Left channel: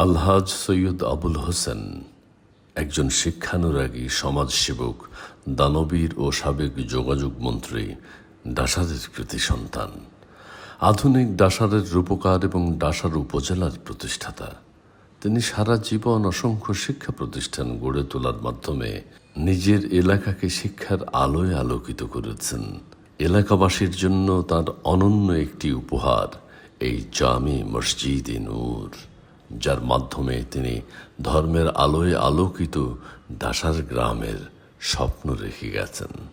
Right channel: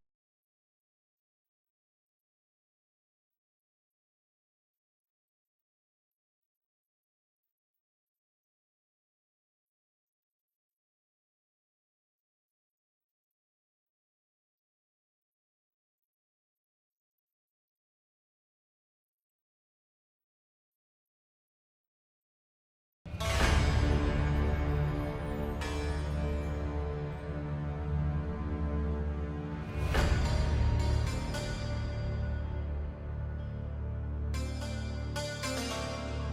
আলহাজ সৈয়দ আবুল হোসেন, একজন শিক্ষানুরাগী সমাজসেবক, দানবীর ও সাবেক যোগাযোগ মন্ত্রী ডাসারের কৃতি সন্তান। আধুনিক ডাসারের রূপকার এবং ডাসার উপজেলার প্রতিষ্ঠাতা। তিনি সারা জীবন অসংখ্য শিক্ষা প্রতিষ্ঠান গড়ে তোলার মাধ্যমে নিজের এলাকাকে শিক্ষার আলোয় আলোকিত করেছেন। এলাকাবাসীর জন্য তার অনন্য একটি উপহার, এই জামি মসজিদে নূর। যার মাধ্যমে তিনি ধর্মের আলোয় আলোকিত দাসার গ্রামের স্বপ্ন রেখে গেছেন।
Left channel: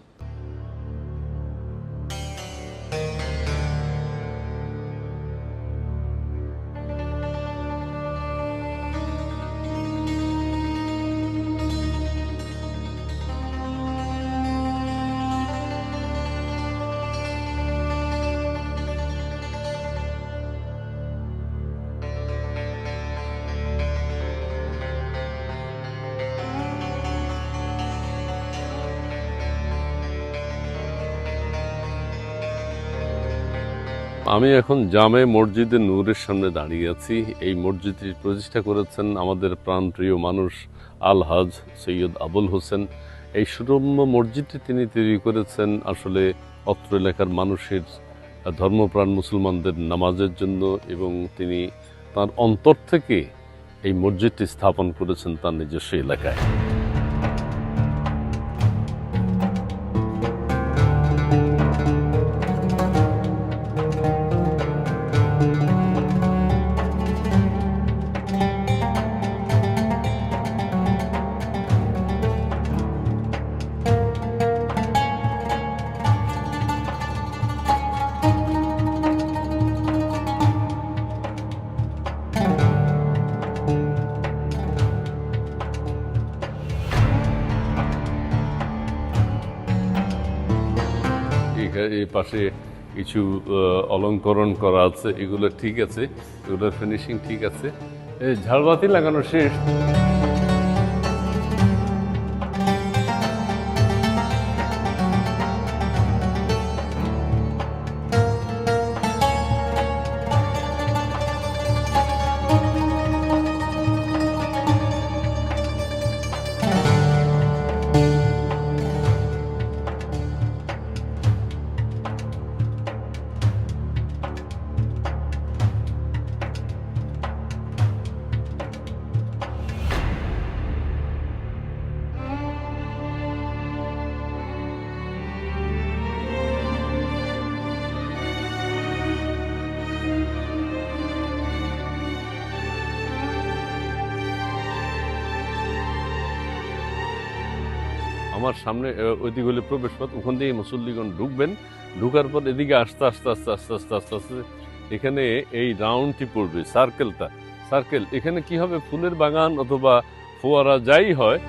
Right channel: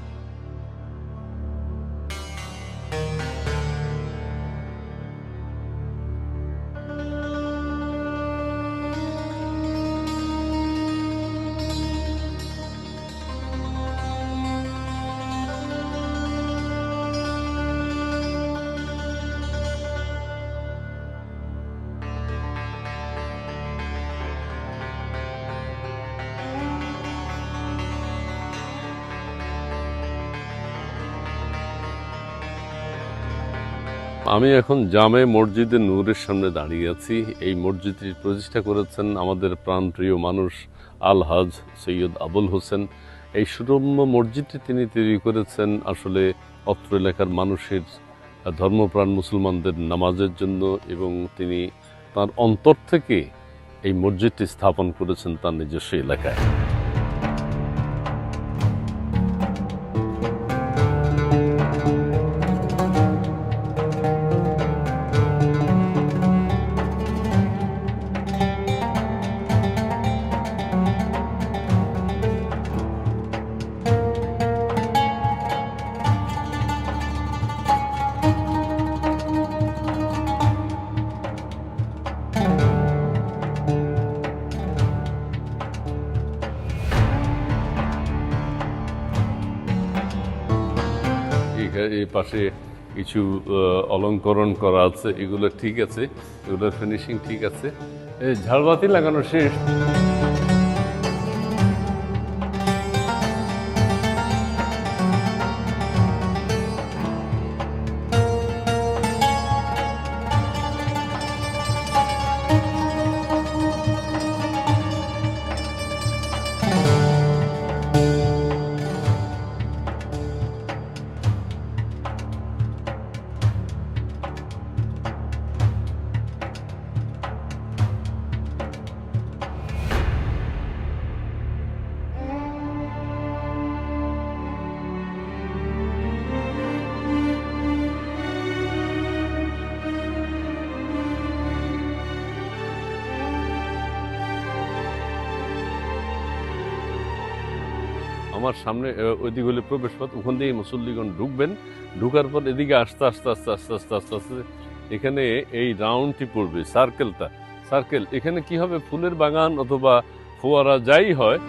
আমি এখন জামে মসজিদে নূরের সামনে দাঁড়িয়ে আছি। এই মসজিদটি প্রতিষ্ঠা করেছেন আমাদের প্রাণপ্রিয় মানুষ আল হাজ সৈয়দ আবুল হোসেন। এই সুরম্য মসজিদটি তিনি তৈরি করেছেন আসলে অত্র এলাকার মানুষের ধর্মপ্রাণ মুসলমানদের নামাজের জন্য এবং তিনি তার অন্তর থেকে এই মসজিদটি স্থাপন করেছেন তার নিজস্ব এলাকায়। এই পাশে কিছু অলঙ্করণ করা আছে, এগুলো ঠিক আছে, এগুলোর ফিনিশিং ঠিক আছে। ঝাড়বাতি লাগানো শেষ। আমার সামনে ওইদিক হলে প্রবেশ পথ ওখান দিয়ে মুসল্লিগণ ঢুকবেন। ঢুকার পর এদিকে আস্তে আস্তে আস্তে আস্তে আস্তে আস্তে আস্তে, এখানে এই রাউন্ডটি পড়বে সার্কেলটা সার্কেল এখানে কি হবে? ফুলের বাগান অথবা ফোয়ারা যাই হয়